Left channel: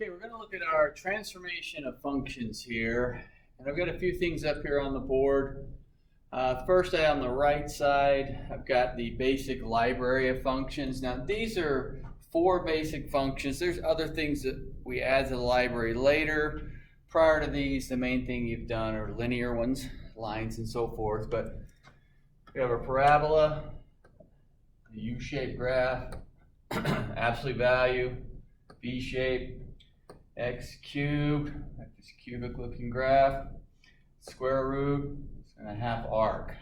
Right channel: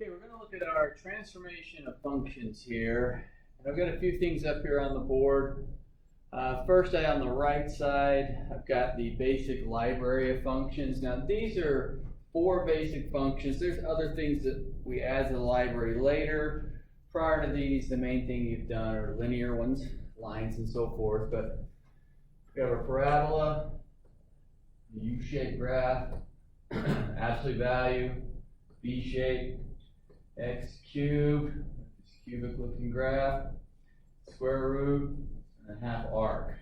Okay, we're going to look at our transformation of functions here. And I've got a few things up here on the board. First, on the right side, I've got the basic library of functions. Now, these are 4 basic functions. There's other things that we add to the library later. Prior to these, the main thing you've done are linear ones, lines and so forth. But we have a parabola, a U-shaped graph, absolute value, V-shape, x cubed, this cubic looking graph, square root, and a half arc.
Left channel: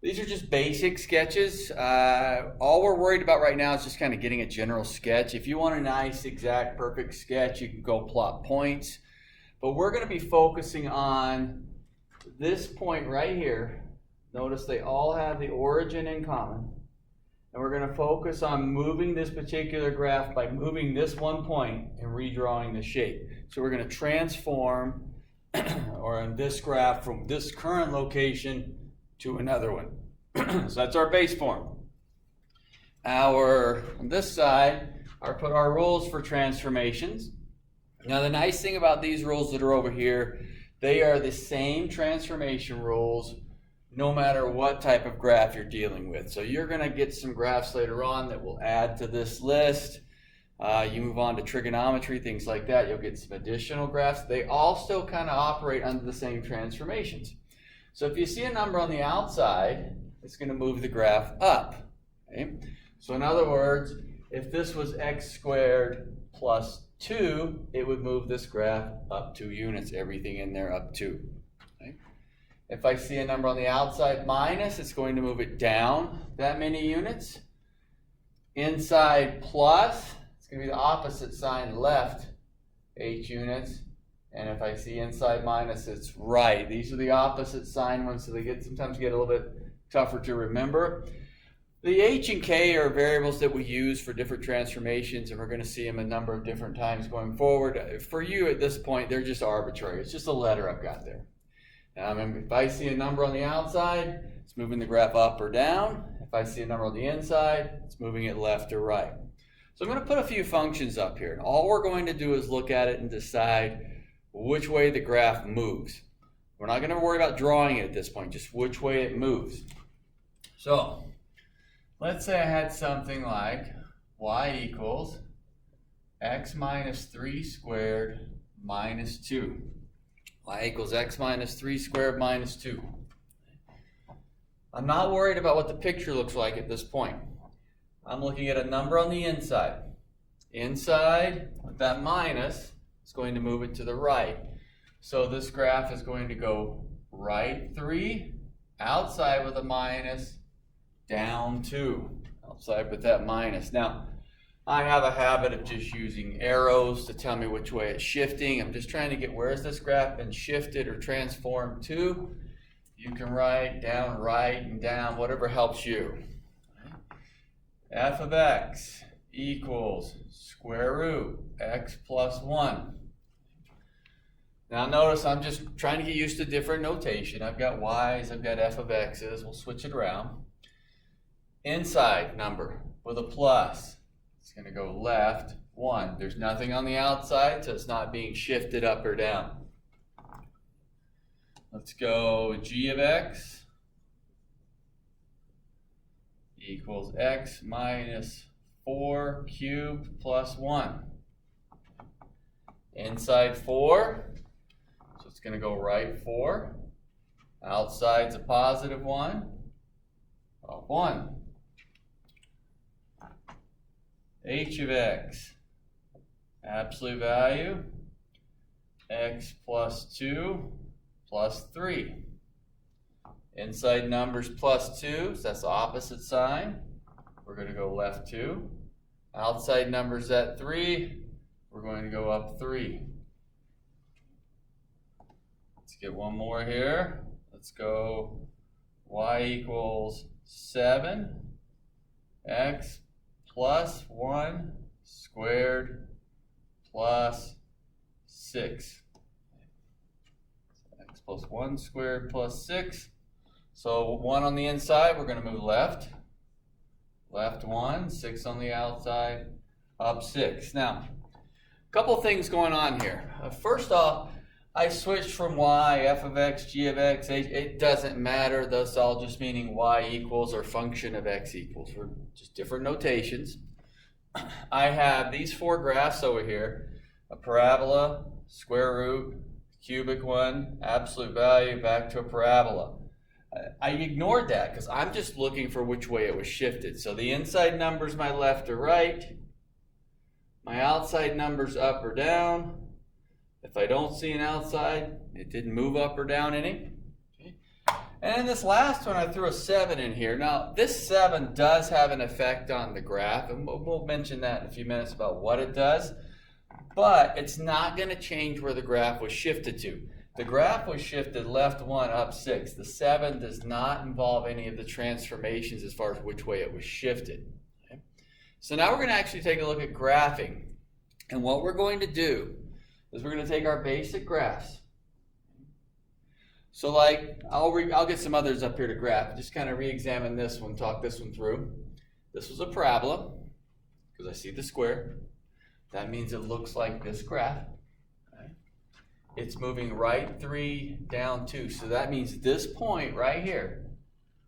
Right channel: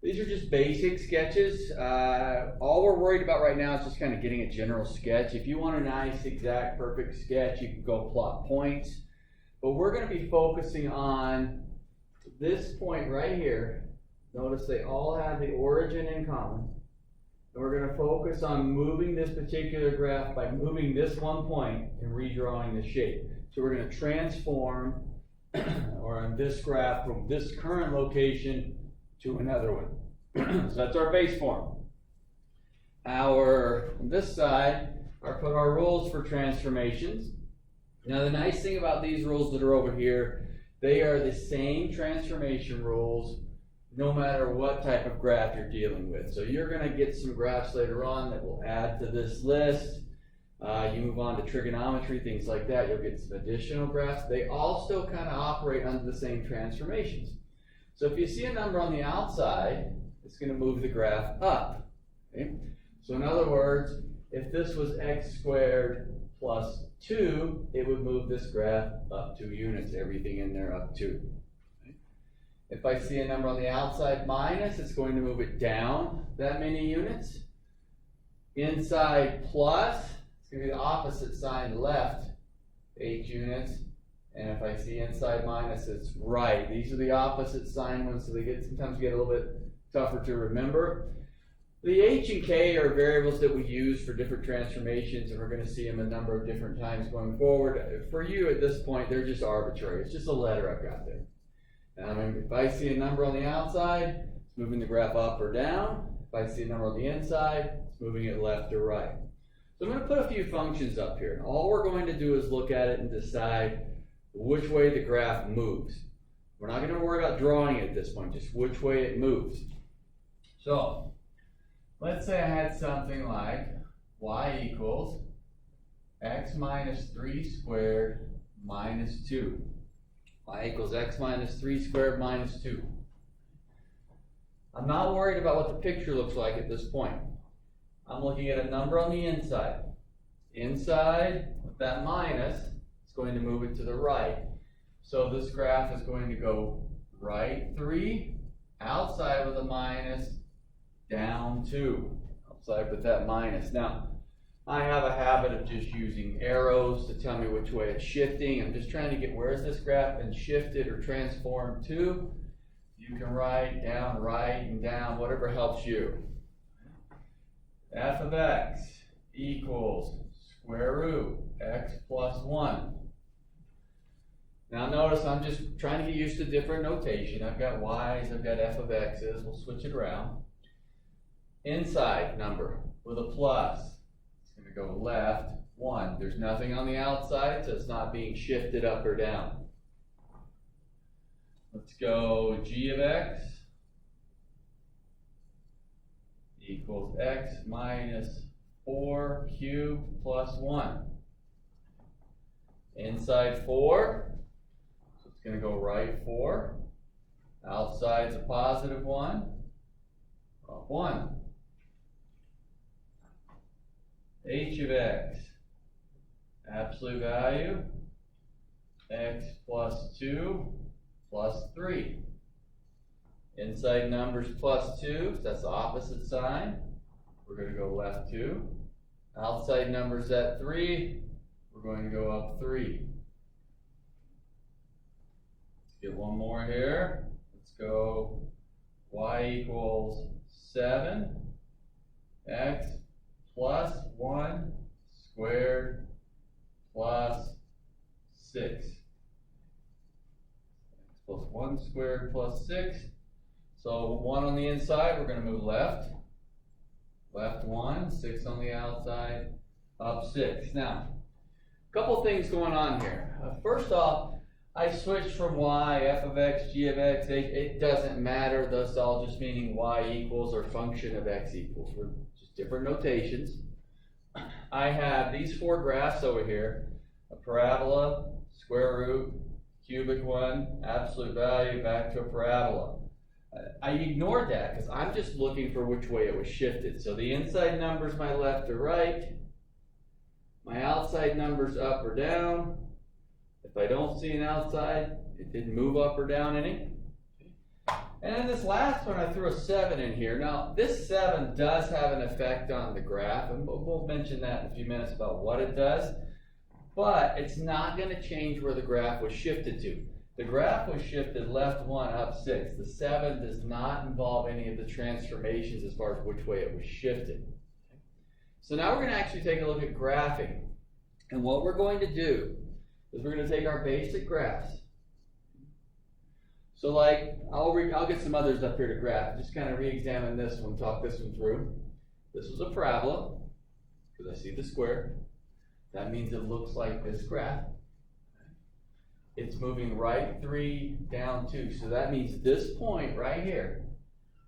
These are just basic sketches. All we're worried about right now is just kind of getting a general sketch. If you want a nice, exact, perfect sketch, you can go plot points. But we're going to be focusing on this point right here. Notice they all have the origin in common. And we're going to focus on moving this particular graph by moving this one point and redrawing the shape. So we're going to transform, or in this graph, from this current location to another one. So that's our base form. On this side, I put our rules for transformations. Now the nice thing about these rules that are over here, they are the same transformation rules no matter what type of graph you're dealing with. So you're going to get some graphs later on that will add to this list. You move on to trigonometry, things like that, you'll get some additional graphs. They all still kind of operate under the same transformations. So if you see a number on the outside, it's going to move the graph up. Okay? So in other words, if this was x squared plus 2, it would move this graph up 2 units, everything in there up 2. If I see a number on the outside minus, it's going to move it down that many units. Inside plus, it's going to be the opposite sign left, 8 units. And if I see inside minus, it's right. These are the opposite sign ones, so they sometimes get a little bit tougher to remember. The h and k are variables that we use for different transformations, and we're going to see them a number of different times going forward. For you at this point, they're just arbitrary. It's just a letter I've got there. If I see a number on the outside, it's moving the graph up or down. If I see a number on the inside, it's moving it left or right. So I'm going to put a few functions up here. All we're going to do is look at it and decide which way the graph moves. We're not going to worry about drawing it at this point, just which way it moves. So let's say I had something like y equals x minus 3 squared minus 2. Y equals x minus 3 squared minus 2. I'm not worried about what the picture looks like at this point. I'm looking at a number on the inside. Inside, with that minus, is going to move it to the right. So this graph is going to go right 3, outside with a minus, down 2, outside with that minus. Now, I have a habit of just using arrows to tell me which way it's shifting. I'm just trying to get where is this graph been shifted or transformed to. You can write down, right, and down, whatever helps you. F of x equals square root x plus 1. Now notice I'm just trying to get used to different notation. I've got y's, I've got f of x's. We'll switch it around. Inside number with a plus. It's going to go left 1. There's nothing on the outside, so it's not being shifted up or down. Let's go g of x equals x minus 4 cubed plus 1. Inside 4, so it's going to go right 4. Outside's a positive 1, up 1. H of x, absolute value, x plus 2 plus 3. Inside numbers plus 2, so that's the opposite sign. We're going to go left 2. Outside numbers at 3, we're going to go up 3. Let's get one more here. Let's go y equals 7, x plus 1 squared plus 6. X plus 1 squared plus 6. So 1 on the inside, we're going to move left. Left 1, 6 on the outside, up 6. Now, Couple things going on here. First off, I switched from y, f of x, g of x, h. It doesn't matter. Thus, all just meaning y equals or function of x equals. We're just different notations. I have these four graphs over here: a parabola, square root, cubic one, absolute value, back to a parabola. I ignored that because I'm just looking for which way it was shifted. So the inside number's my left or right. My outside number's up or down. If I don't see an outside, it didn't move up or down any. Okay. And then this last one, I threw a 7 in here. Now, this 7 does have an effect on the graph, and we'll mention that in a few minutes about what it does. But it's not going to change where the graph was shifted to. The graph was shifted left 1, up 6. The 7 does not involve any of the transformations as far as which way it was shifted. Okay. So now we're going to actually take a look at graphing. And what we're going to do is we're going to take our basic graphs. So like, I'll get some others up here to graph. Just kind of re-examine this one, talk this one through. This was a parabola, because I see the square. That means it looks like this graph. It's moving right 3, down 2. So that means this point right here,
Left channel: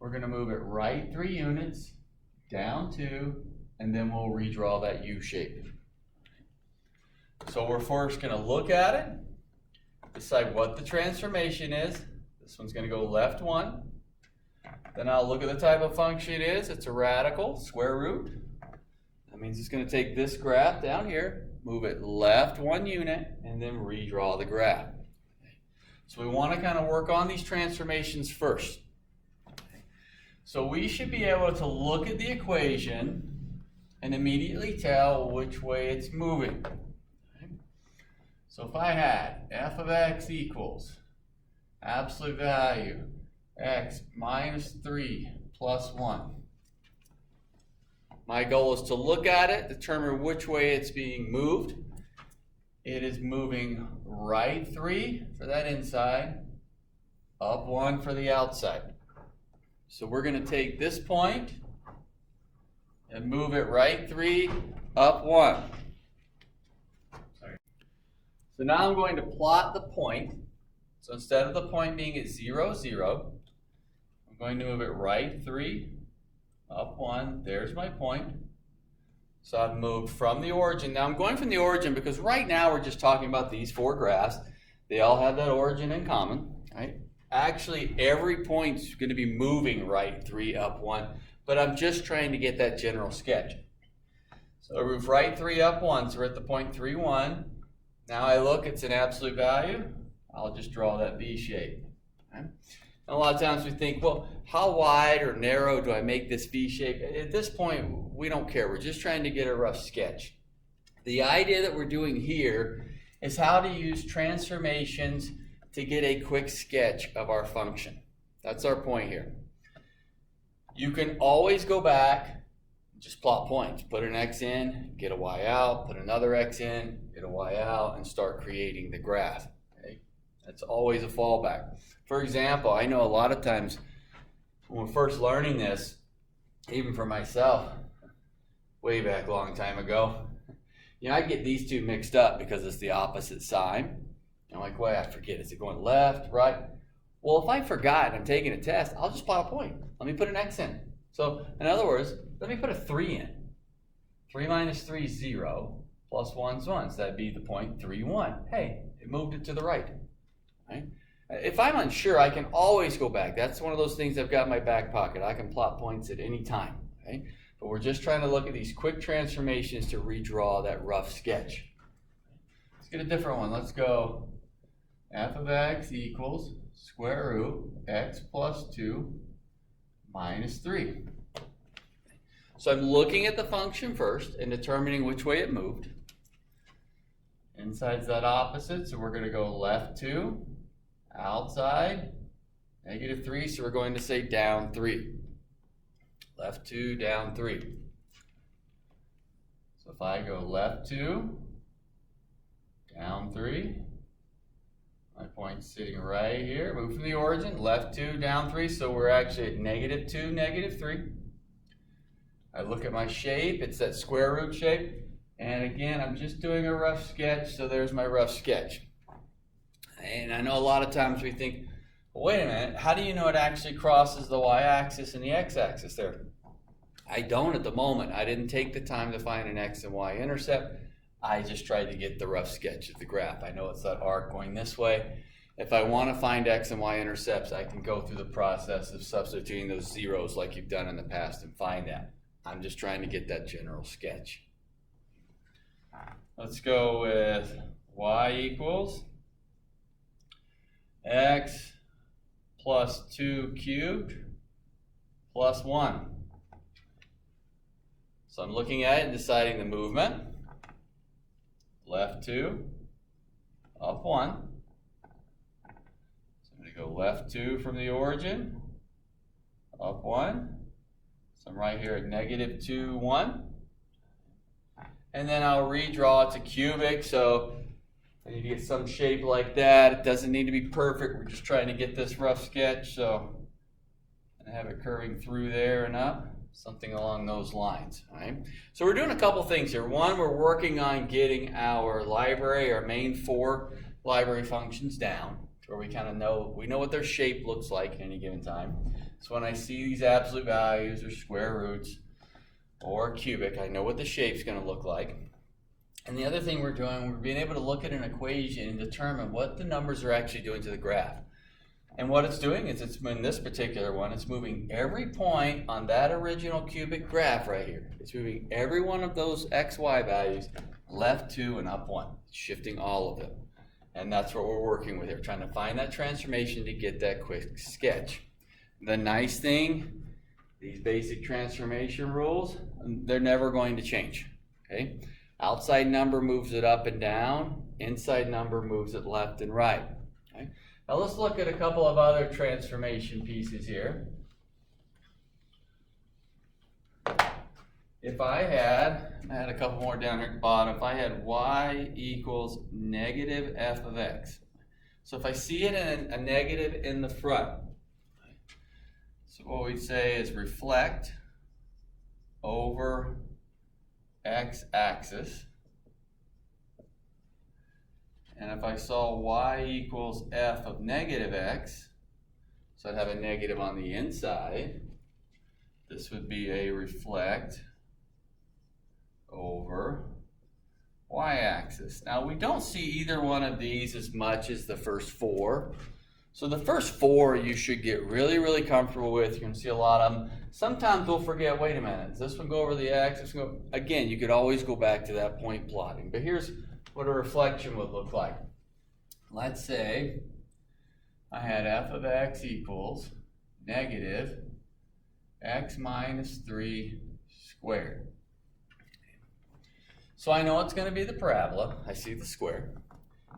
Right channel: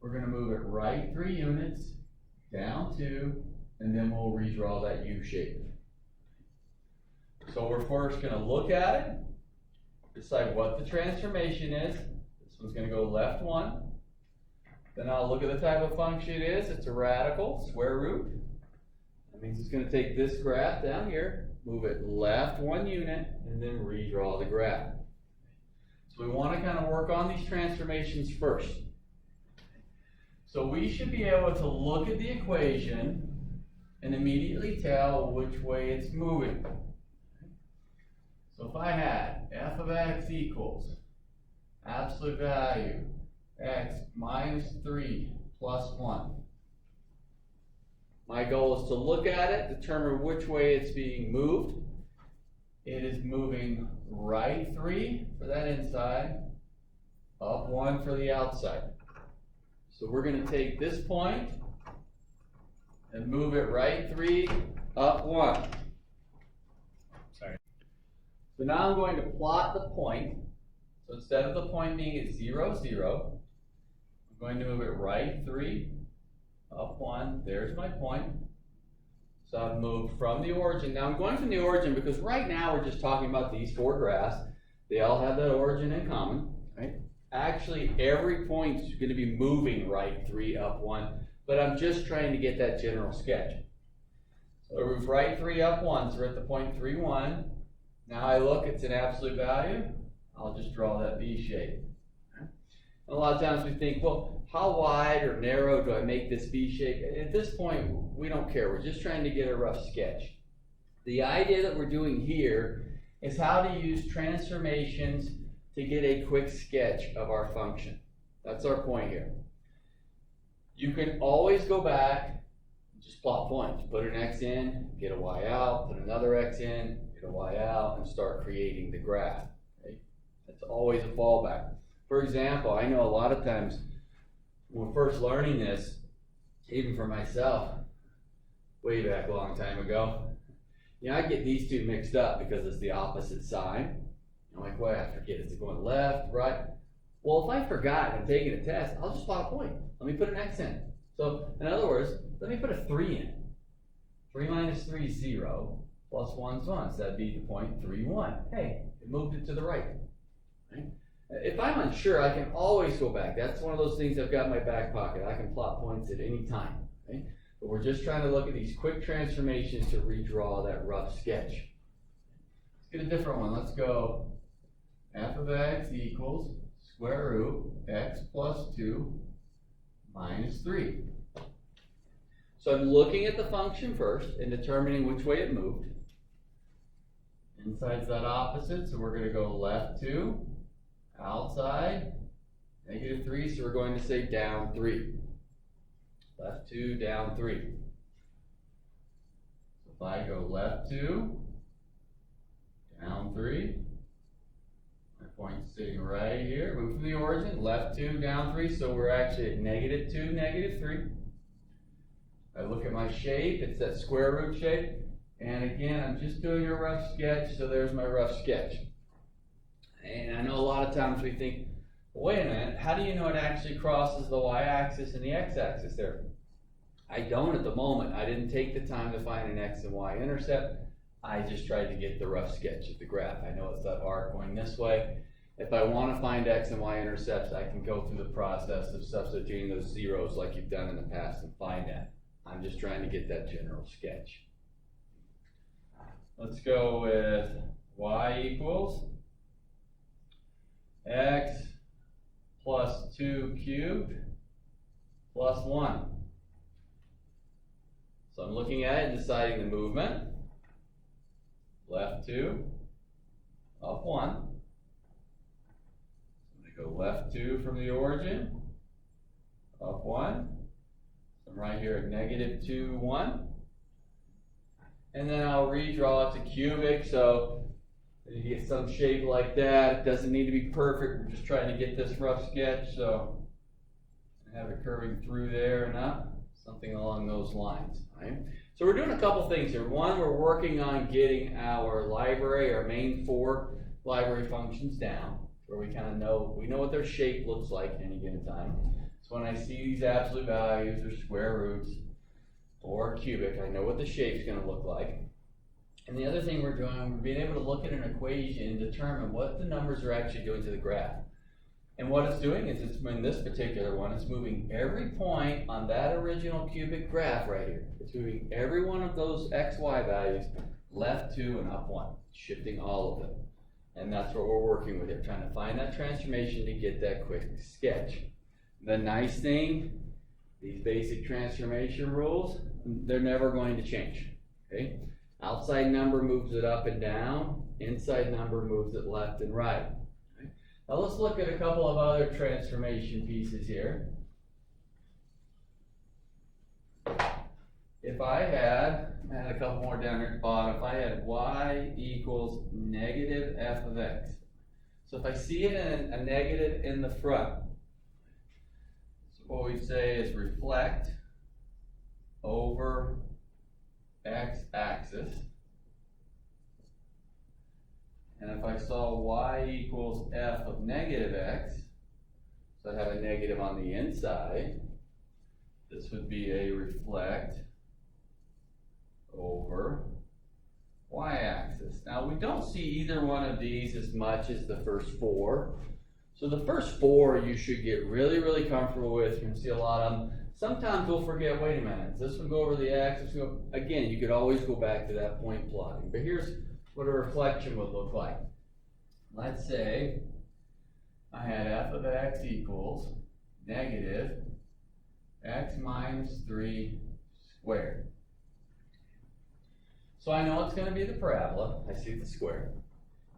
we're going to move it right 3 units, down 2, and then we'll redraw that U shape. So we're first going to look at it, decide what the transformation is. This one's going to go left 1. Then I'll look at the type of function it is. It's a radical, square root. That means it's going to take this graph down here, move it left 1 unit, and then redraw the graph. So we want to kind of work on these transformations first. So we should be able to look at the equation and immediately tell which way it's moving. So if I had f of x equals absolute value x minus 3 plus 1. My goal is to look at it, determine which way it's being moved. It is moving right 3 for that inside, up 1 for the outside. So we're going to take this point and move it right 3, up 1. Sorry. So now I'm going to plot the point. So instead of the point being at 0, 0, I'm going to move it right 3, up 1, there's my point. So I've moved from the origin. Now I'm going from the origin because right now we're just talking about these four graphs. They all have that origin in common, right? Actually, every point's going to be moving right 3, up 1, but I'm just trying to get that general sketch. So I move right 3, up 1, so we're at the point 3, 1. Now I look, it's an absolute value. I'll just draw that V shape. Okay? And a lot of times we think, well, how wide or narrow do I make this V shape? At this point, we don't care. We're just trying to get a rough sketch. The idea that we're doing here is how to use transformations to get a quick sketch of our function. That's our point here. You can always go back, just plot points. Put an X in, get a Y out, put another X in, get a Y out, and start creating the graph. Okay? That's always a fallback. For example, I know a lot of times when we're first learning this, even for myself, way back a long time ago, I get these two mixed up because it's the opposite sign. I'm like, well, I forget, is it going left, right? Well, if I forgot and I'm taking a test, I'll just plot a point. Let me put an X in. So, in other words, let me put a 3 in. 3 minus 3 is 0, plus 1 is 1, so that'd be the point 3, 1. Hey, it moved it to the right. Right? If I'm unsure, I can always go back. That's one of those things I've got in my back pocket. I can plot points at any time. Okay? But we're just trying to look at these quick transformations to redraw that rough sketch. Let's get a different one. Let's go f of x equals square root x plus 2 minus 3. So I'm looking at the function first and determining which way it moved. Inside's that opposite, so we're going to go left 2. Outside, negative 3, so we're going to say down 3. Left 2, down 3. So if I go left 2, down 3, my point's sitting right here. Move from the origin, left 2, down 3, so we're actually at negative 2, negative 3. I look at my shape, it's that square root shape. And again, I'm just doing a rough sketch, so there's my rough sketch. And I know a lot of times we think, well, wait a minute, how do you know it actually crosses the y-axis and the x-axis there? I don't at the moment. I didn't take the time to find an x and y intercept. I just tried to get the rough sketch of the graph. I know it's that arc going this way. If I want to find x and y intercepts, I can go through the process of substituting those zeros like you've done in the past and find that. I'm just trying to get that general sketch. Let's go with y equals x plus 2 cubed plus 1. So I'm looking at it and deciding the movement. Left 2, up 1. So I'm going to go left 2 from the origin, up 1. So I'm right here at negative 2, 1. And then I'll redraw it to cubic, so I need to get some shape like that. It doesn't need to be perfect. We're just trying to get this rough sketch, so I have it curving through there and up, something along those lines. All right? So we're doing a couple things here. One, we're working on getting our library, our main 4 library functions down, where we kind of know, we know what their shape looks like at any given time. So when I see these absolute values or square roots or cubic, I know what the shape's going to look like. And the other thing we're doing, we're being able to look at an equation and determine what the numbers are actually doing to the graph. And what it's doing is, it's in this particular one, it's moving every point on that original cubic graph right here. It's moving every one of those x, y values left 2 and up 1, shifting all of them. And that's what we're working with here, trying to find that transformation to get that quick sketch. The nice thing, these basic transformation rules, they're never going to change, okay? Outside number moves it up and down, inside number moves it left and right. Okay? Now let's look at a couple of other transformation pieces here. If I had a couple more down here at the bottom, if I had y equals negative f of x. So if I see it in a negative in the front, so what we'd say is reflect over x-axis. And if I saw y equals f of negative x, so I'd have a negative on the inside, this would be a reflect over y-axis. Now we don't see either one of these as much as the first 4. So the first 4 you should get really, really comfortable with. You can see a lot of them. Sometimes we'll forget, wait a minute, does this one go over the x? This one go? Again, you could always go back to that point plotting. But here's what a reflection would look like. Let's say I had f of x equals negative x minus 3 squared. So I know it's going to be the parabola. I see the square.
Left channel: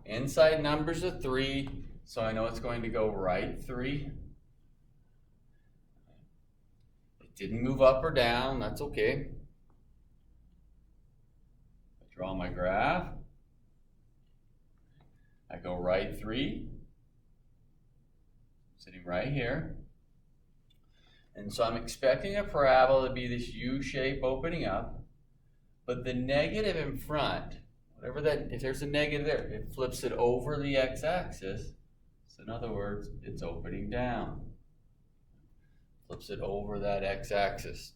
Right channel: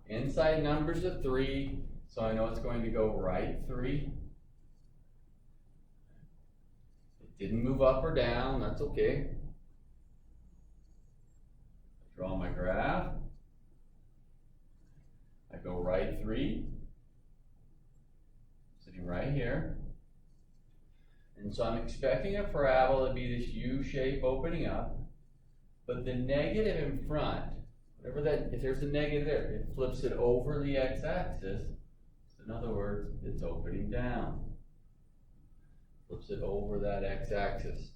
Inside numbers are 3, so I know it's going to go right 3. It didn't move up or down, that's okay. I draw my graph. I go right 3, sitting right here. And so I'm expecting a parabola to be this U shape opening up. But the negative in front, whatever that, if there's a negative there, it flips it over the x-axis. So in other words, it's opening down. Flips it over that x-axis.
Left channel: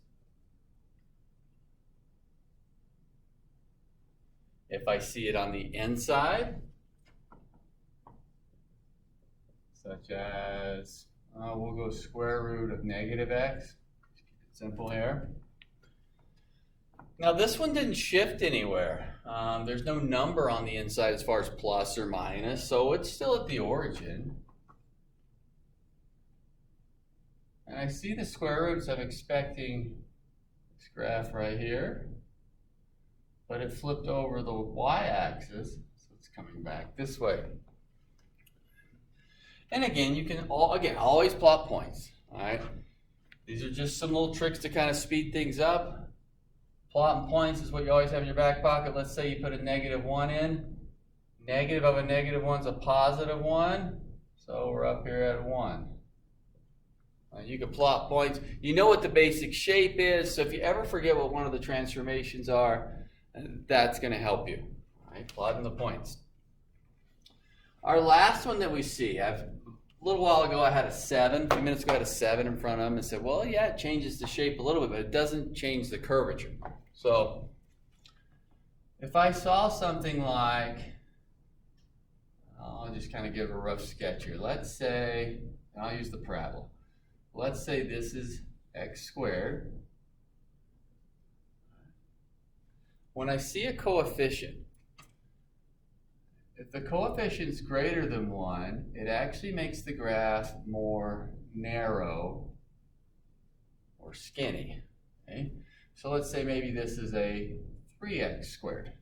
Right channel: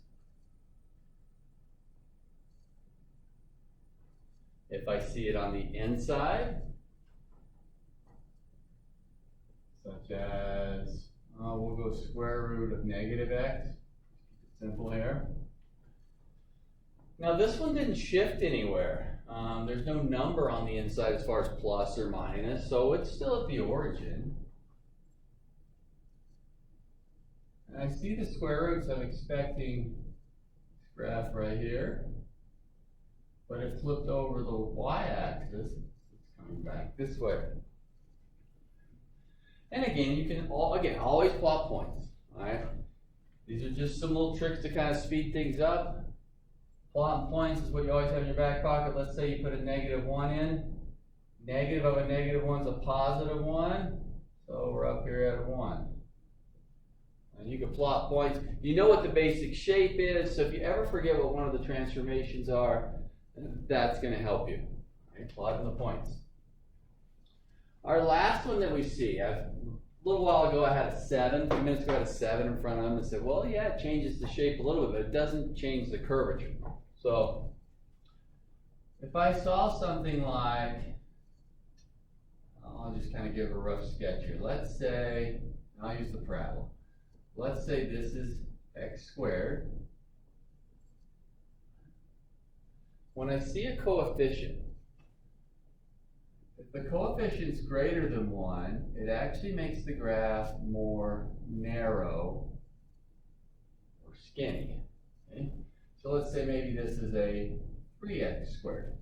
If I see it on the inside, such as, we'll go square root of negative x. Keep it simple here. Now this one didn't shift anywhere. There's no number on the inside as far as plus or minus, so it's still at the origin. And I see the square roots. I'm expecting this graph right here, but it flipped over the y-axis, so it's coming back this way. And again, you can always plot points. All right, these are just some little tricks to kind of speed things up. Plotting points is what you always have in your back pocket. Let's say you put a negative 1 in. Negative of a negative 1 is a positive 1. So we're up here at 1. You can plot points. You know what the basic shape is. So if you ever forget what one of the transformations are, And that's going to help you. All right, plotting the points. Our last one that we see, a little while ago I had a 7, a few minutes ago I had a 7 in front of them and said, well, yeah, it changes the shape a little bit, but it doesn't change the curvature. So if I saw something like, I'll just kind of give a rough sketch here. Let's say, I'll use the parabola. Let's say this is x squared. When I see a coefficient, if the coefficient is greater than 1, it actually makes the graph more narrow or skinny. Okay? So let's say maybe this is a 3x squared.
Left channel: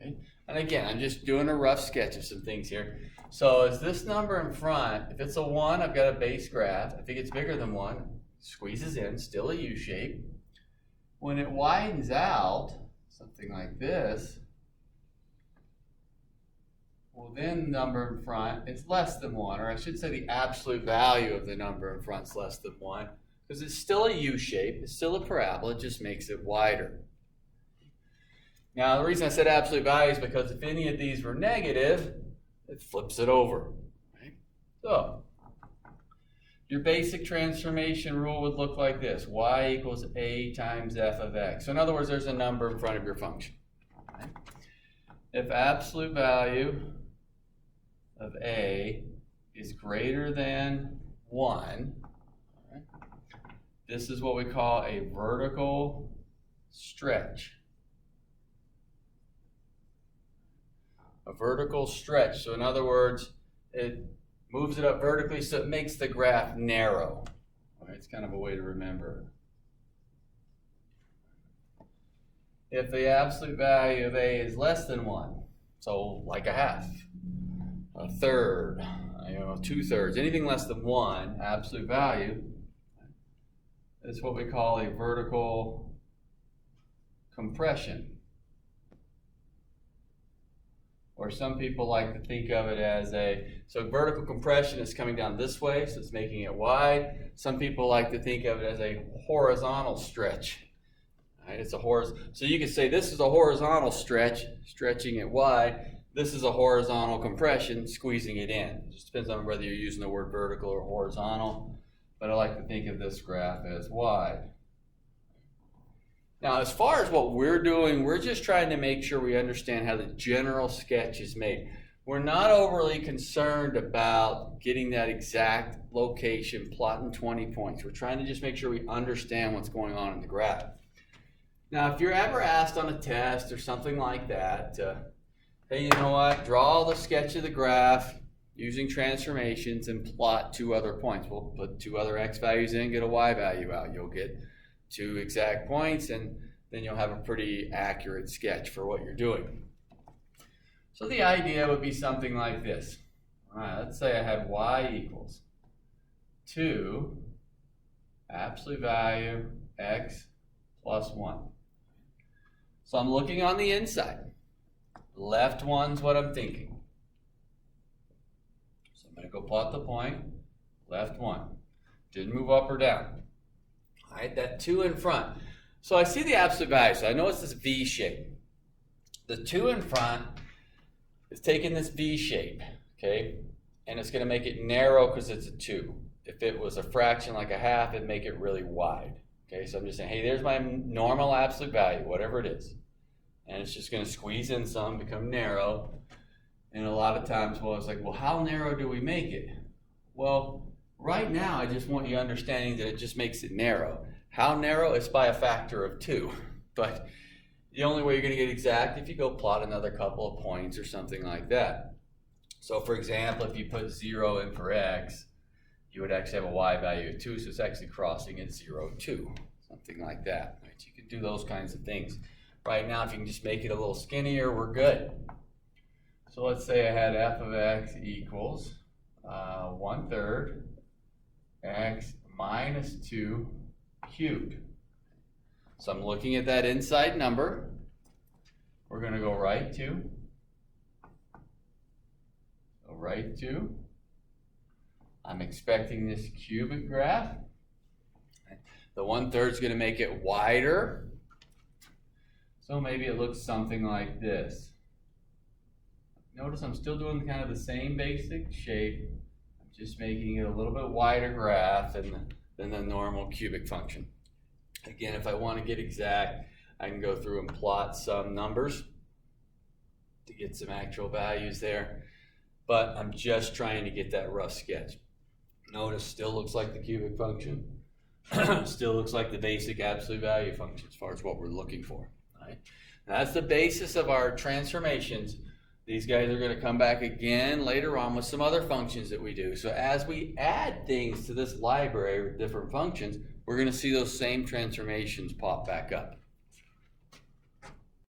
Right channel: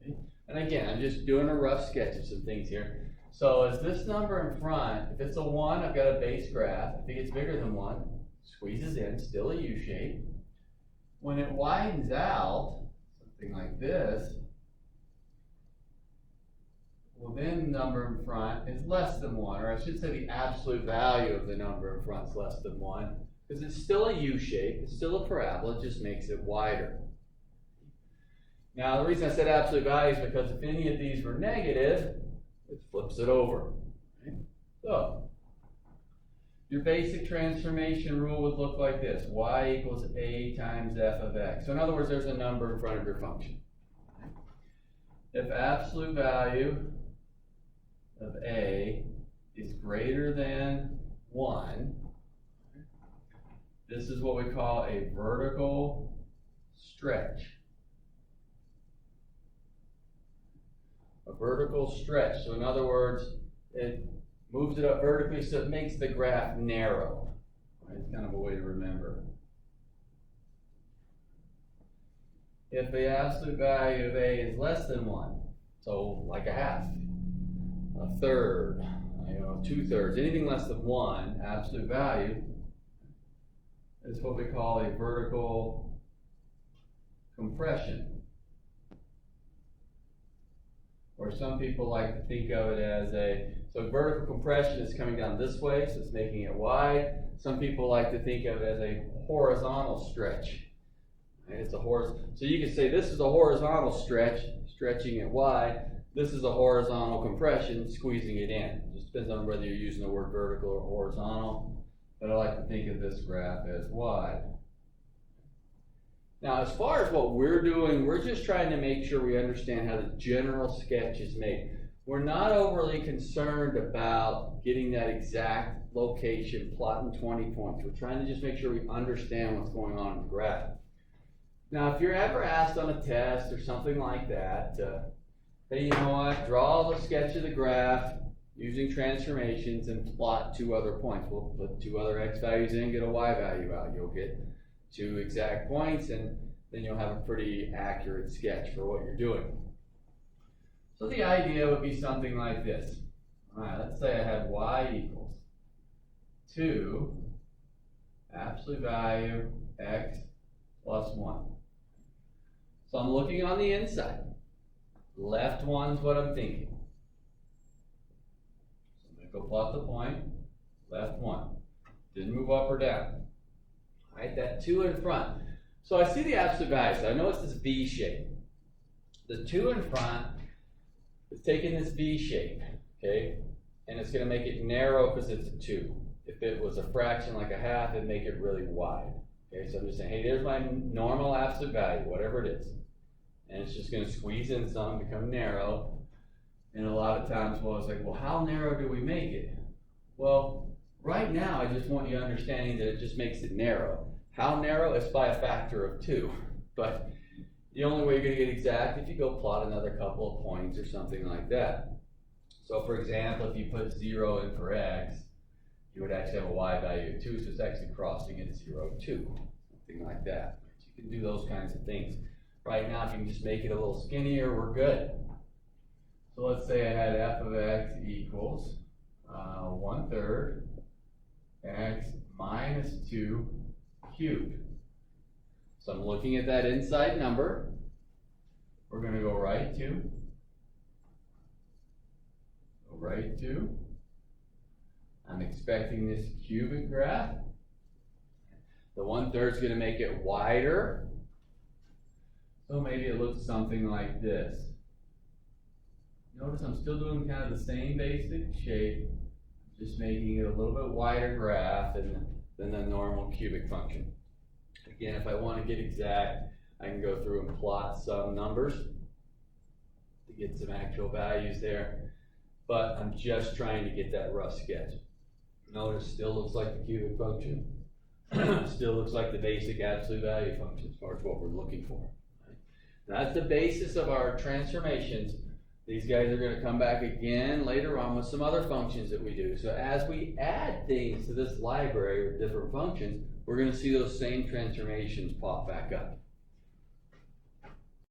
Okay? And again, I'm just doing a rough sketch of some things here. So is this number in front, if it's a 1, I've got a base graph. If it gets bigger than 1, squeezes in, still a U shape. When it widens out, something like this, well, then the number in front is less than 1, or I should say the absolute value of the number in front is less than 1, because it's still a U shape, it's still a parabola, it just makes it wider. Now, the reason I said absolute value is because if any of these were negative, it flips it over. Right? So, your basic transformation rule would look like this: y equals a times f of x. So in other words, there's a number in front of your function. Right? If absolute value of a is greater than 1, right, this is what we call a vertical stretch. A vertical stretch. So in other words, it moves it up vertically so it makes the graph narrow. Right, it's kind of a way to remember. If the absolute value of a is less than 1, so like a half, a third, 2/3, anything less than 1, absolute value, is what we call a vertical compression. Or some people like to think of it as so vertical compression is coming down this way, so it's making it wide. Some people like to think of it as a horizontal stretch. Right? It's a so you could say this is a horizontal stretch, stretching it wide. This is a horizontal compression, squeezing it in. It just depends on whether you're using the word vertical or horizontal, but I like to think of this graph as wide. Now, as far as what we're doing, we're just trying to make sure we understand how the general sketch is made. We're not overly concerned about getting that exact location, plotting 20 points. We're trying to just make sure we understand what's going on in the graph. Now, if you're ever asked on a test or something like that, hey, you know what, draw the sketch of the graph using transformations and plot 2 other points. We'll put 2 other x values in, get a y value out. You'll get 2 exact points, and then you'll have a pretty accurate sketch for what you're doing. So the idea would be something like this. All right, let's say I had y equals 2 absolute value x plus 1. So I'm looking on the inside. Left one's what I'm thinking. So I'm going to go plot the point. Left 1. Didn't move up or down. All right, that 2 in front. So I see the absolute value, so I know it's this V shape. The 2 in front is taking this V shape, okay? And it's gonna make it narrow because it's a 2. If it was a fraction like a half, it'd make it really wide. Okay, so I'm just saying, hey, there's my normal absolute value, whatever it is. And it's just gonna squeeze in some, become narrow. And a lot of times, well, it's like, well, how narrow do we make it? Well, right now, I just want you understanding that it just makes it narrow. How narrow? It's by a factor of 2. But the only way you're going to get exact if you go plot another couple of points or something like that. So for example, if you put 0 in for x, you would actually have a y value of 2, so it's actually crossing at 0, 2, something like that. Right? You can do those kinds of things. Right now, if you can just make it a little skinnier, we're good. So let's say I had f of x equals 1/3 x minus 2 cubed. So I'm looking at that inside number. We're going to go right 2. Go right 2. I'm expecting this cubic graph. The 1/3 is going to make it wider. So maybe it looks something like this. Notice I'm still doing kind of the same basic shape. I'm just making it a little bit wider graph than the normal cubic function. Again, if I want to get exact, I can go through and plot some numbers to get some actual values there. But I'm just trying to get that rough sketch. Notice still looks like the cubic function. Still looks like the basic absolute value function as far as what we're looking for. Right? Now that's the basis of our transformations. These guys are going to come back again later on with some other functions that we do. So as we add things to this library with different functions, we're going to see those same transformations pop back up.